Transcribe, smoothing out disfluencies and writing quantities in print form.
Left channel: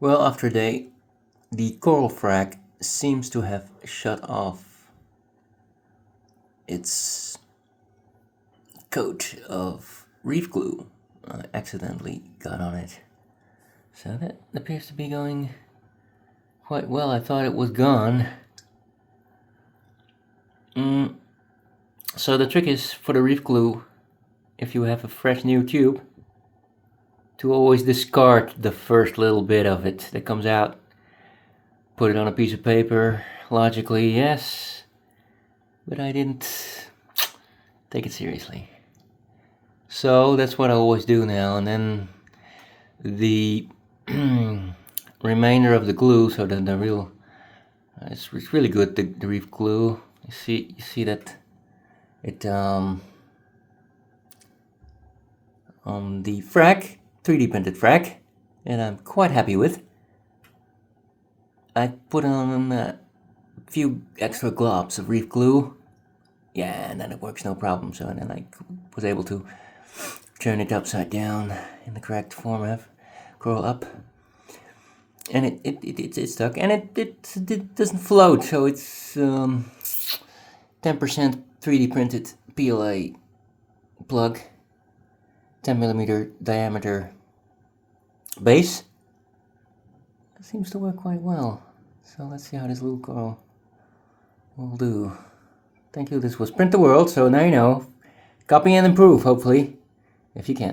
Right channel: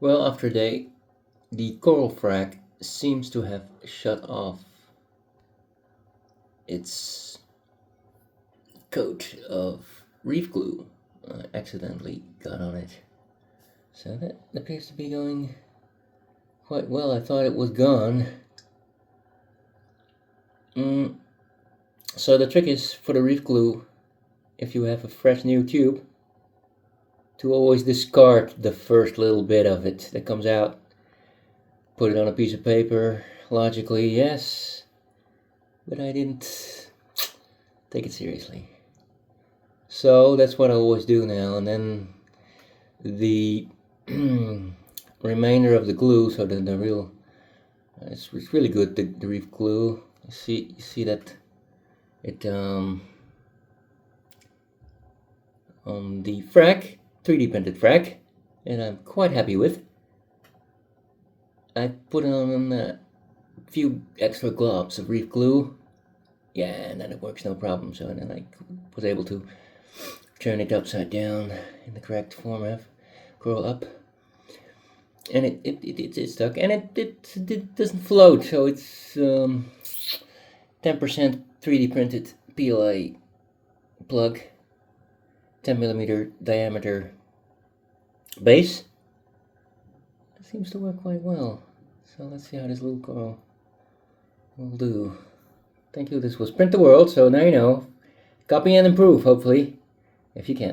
Well, after a day, the coral frag seems to have shut off its coat of reef glue. I accidentally got on it. So that appears to be going quite well. I thought it was gone. So the trick is for the reef glue, if you have a fresh new tube, to always discard the first little bit of it that comes out. Put it on a piece of paper, logically, yes, but I didn't take it seriously. So that's what I always do now, and then the remainder of the glue, so then the real, it's really good, the reef glue. You see that it on the frag, 3D printed frag, and I'm quite happy with. I put on a few extra globs of reef glue. Yeah, and then it works no problem. So then I was able to turn it upside down in the correct format, curl up, and it stuck, and it doesn't float. So it's 10% 3D printed PLA plug, 10mm diameter base. It seems to work quite well. So let's see how this little coral will do. Thank you. This was Print the World, so now you know. Copy and improve, hopefully, if you can.